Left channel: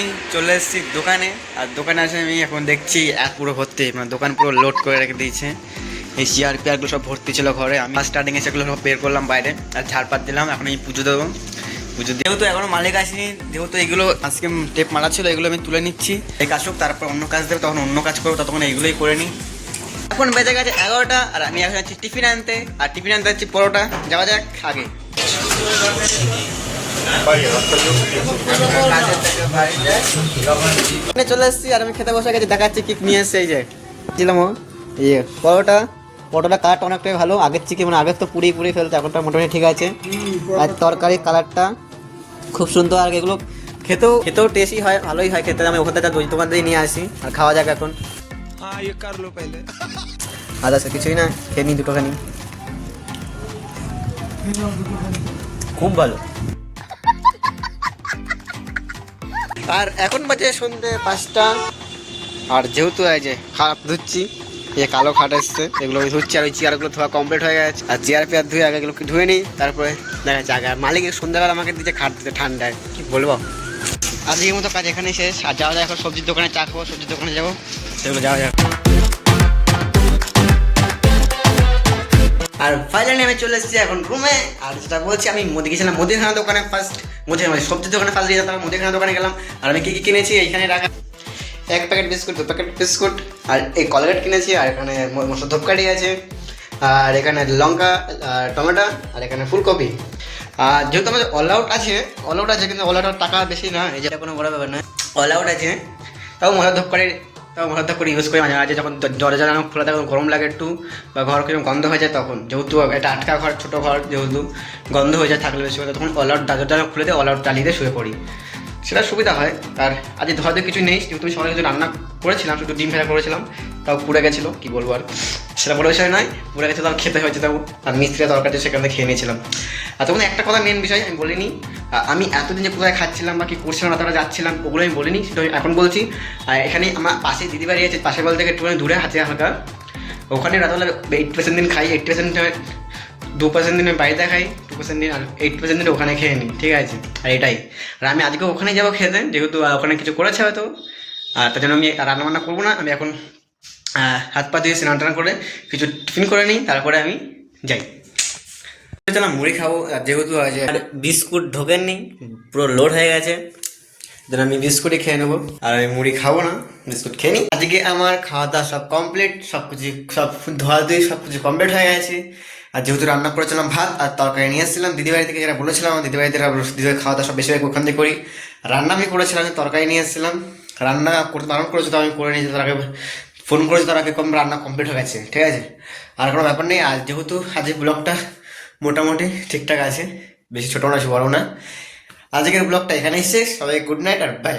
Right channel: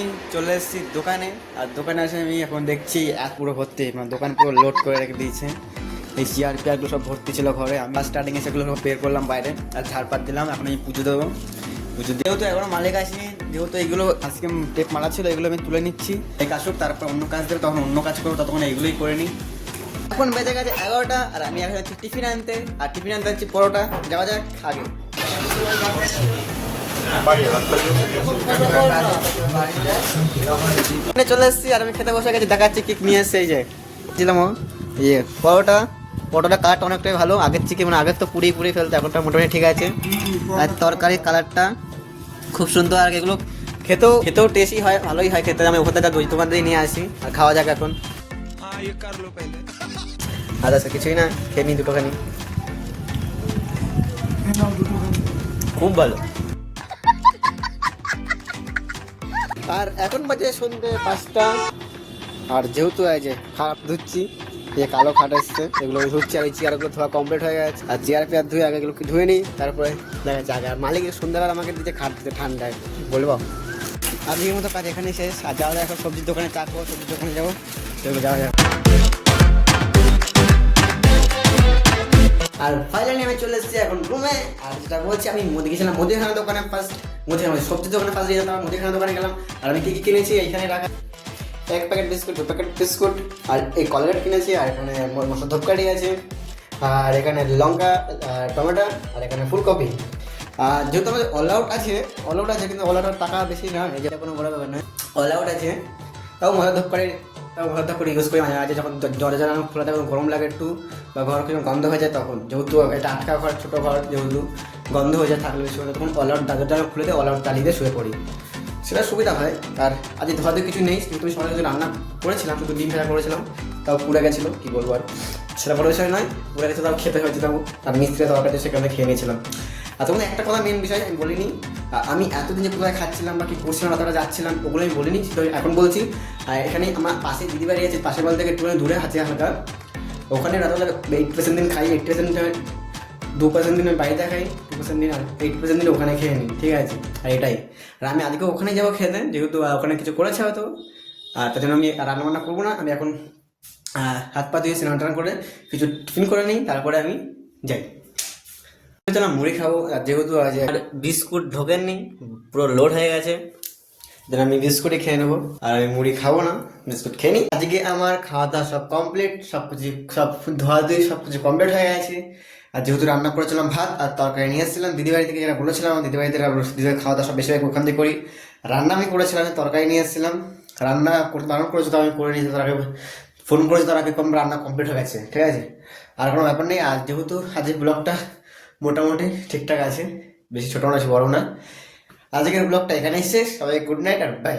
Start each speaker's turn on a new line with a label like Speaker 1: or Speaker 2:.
Speaker 1: এসেছি দোকানে, আর দোকানে এসে আমি এখন দেখছি এক পুরো ভর্তি মানে দোকান পুরো লোড করে রেখে দিয়েছে। এই চেয়ার পেয়ারগুলো সব ভর্তি ছিল ঘরে। আমি স্টার্টিং এ সেগুলো সব বের করলাম বাইরে, আর ঝাড়পাত দিলাম, এখন এই পুজো দেবো। পুজো যেহেতু এখনও মালিক আসেনি, যেহেতু এগুলো আজকে টেপ মারা ছিল, এগুলো আমি তুলে নিচ্ছি। এই কাজ তারপর অন্য কাজ দেবে, তখন অন্য কাজ করব, ততক্ষণ এগুলোই করে নিই। এখন বেজে গেছে এগারোটা, আর আমি এখন যাচ্ছি টিফিন আনতে, আর টিফিন আনতে যাচ্ছি পরোটা। যাওয়া যাক, আগে। চলে আর আমি খেতে বসে দেখাচ্ছি কেক নিয়ে এই যে। কালারটা অনেকটাই ভালো। আগের থেকে মানে আগের তো পুড়িয়ে পুড়িয়ে এখনটা মোটামুটি ঠিক আছে। আর তরকারির কালারটা খুব সুন্দর। আর এগুলো খেতেও খেতেও টেস্টি হয় ভালোই হয় খেতে। আমি ওখান থেকে দোকান দিয়ে নিয়ে আসি। আর খাওয়া যাক এখন। আর কিছুই না খেয়ে নিই দুটো নিই খুব ভালো। আর এখন বাজে সন্ধে পাঁচটা। আর যেহেতু এই যে খাট ধুচ্ছি, এই কালো খাট এসছে, এগুলো আমি ধুচ্ছি আর ওই চেয়ারগুলো ধোয়া কমপ্লিট হয়ে গেছে। আর চেয়ার পেয়ার ধুয়ে আগে এগুলোকে ধুয়ে নিই, তারপরে না জায়গা মালিক সন্ধ্যাবেলা আমাকে দিচ্ছে খাট দিতে ঠান্ডায় কি বলব? আজকের মতো কাজ এখানে শেষ। আর যাওয়া যায় এখন সবজির দোকানে চা খাব, সবজির দোকানে যাব। সেগুলো যাওয়া যাক। আমি চলে এসেছি এখন। রুমে? আর যেটা বলছি, আমি মুদি গেছিলাম মুদিখানা দোকানে ফার্স্ট মুদি মানে সবজির দোকানে ফার্স্ট গিয়ে যেতাম মুদিখানা দোকানে গেলাম। আর আমি কী কী কিনেছি, এইখানে রাখা। এক প্যাকেট বিস্কুট দু প্যাকেট বিস্কুট আর এই কলগেট কিনেছি, আর এখানে ম- মসুর ধূপকাঠি আছে। আর এখানে লঙ্কা টমেটো, আর এখানে ফুলকপি। আর যেহেতু আমাদের অল আউট আছে অল আউট আছে, কিন্তু অল আউট টাকা বেশি না, এই যে কোনো বড় ব্যাপার না অল আউট আছে, তাও মশলা ধূপকাঠি তাও মশলা করে ইউজ করি মাঝে মাঝে। যখন দরজা জানা খোলা থাকে গরম লাগে একটু, বা ঘর কীরকম গন্ধ হয়ে যায় তখন। যেহেতু এটা আটকা ঘর, ছোটো ঘর, যেহেতু গন্ধ হয়ে যায় থাকলে বেশি তখন অল আউট জানা খুলে দিয়ে অলআউট চালিয়ে দিয়ে শুয়ে পড়ি। সেটা সুবিধা হয়। আর আজ ধরাতে কিছু নেই আমি সবাই কিছু রান্না করেছিলাম একটু ডিম ফেরা করেছিলাম তাও পুড়ে গেছিল, কি বলব আর। সেটা বড় বিষয় নয়, পুড়ে গেছে তাও খেতে হয়েছে, তাও আর মিস্ত্রিরা তরকারি সেখান থেকে খেয়ে নিয়েছিলাম। আর তখন একটা কথা মেন বিষয় আমি বলিনি আমি এতদিন যে কোথায় খাচ্ছিলাম বা কি করছিলাম রাতারা যাচ্ছিলাম ওগুলো আমি বলিনি, সেটা আমি এখন বলছি। আর এখানে আমার পাশে দিদি বাড়ি আছে পাশের বাড়ি থেকে একটুখানি দূরে হাতে হালকা। ওখানে রাতবেলা এইট পার্সেন্ট দিন খাই এইট পার্সেন্ট দু পার্সেন্ট দিন আমি বাড়িতে খাই টু পার্সেন্ট দিন এইট পার্সেন্ট দিন ওখানে খেয়ে নিই, ঠিক আছে? আর এটাই। আর আমি আজকে ওখানে যাব খেতে, যেহেতু ওখানে কিছু করেছে হয়তো। আর তার জন্য আমি রান্না বান্না করব না, আমি এখন হাত পা ধুয়ে স্নান টান করে কিছু টিফিন করে নিই, তারপরে আমি যাই। চলাম মুড়ি খাব। যেহেতু আজ আর বিস্কুট ঢোকেননি, পুরো লোড হয়ে গেছে। যেন আমি বিস্কুটই খেয়ে নেব। আর আমি মুড়ি খাব না, বিস্কুট খেয়ে নিই। আজকে আমার খাওয়া দাওয়া সব কমপ্লিট সব কিছু, সব ধোয়া ধুই সব কিছু কমপ্লিট হয়ে গেছে। আর যেহেতু রান্না করেছিলাম ভাত আর তরকারি নিয়ে এসেছিলাম দিদিবাড়ি থেকে যেটা বলেছিলাম দিদিবাড়ি থেকে দিদিবাড়ি খাওয়া দাওয়া সব বেশিরভাগ ওখান থেকে করি। রান্না আমি করেছিলাম তরকারি নিয়ে এসেছিলাম। রান্না করতে বারণ করেছে তো, আমি করে নিয়েছি তার আগে ফোন করেছি তার আগে কম রান্না কমপ্লিট হয়ে গেছে, ঠিক আছে? আর কোনো ব্যাপার নেই, আর যেহেতু আজকের ব্লগটা মোটামুটি ঠিকঠাক আছে, বেশি ছোটো না বড়ো না। আজকের ব্লগটা এখানেই শেষ, সবাই গুড নাইট আর বাই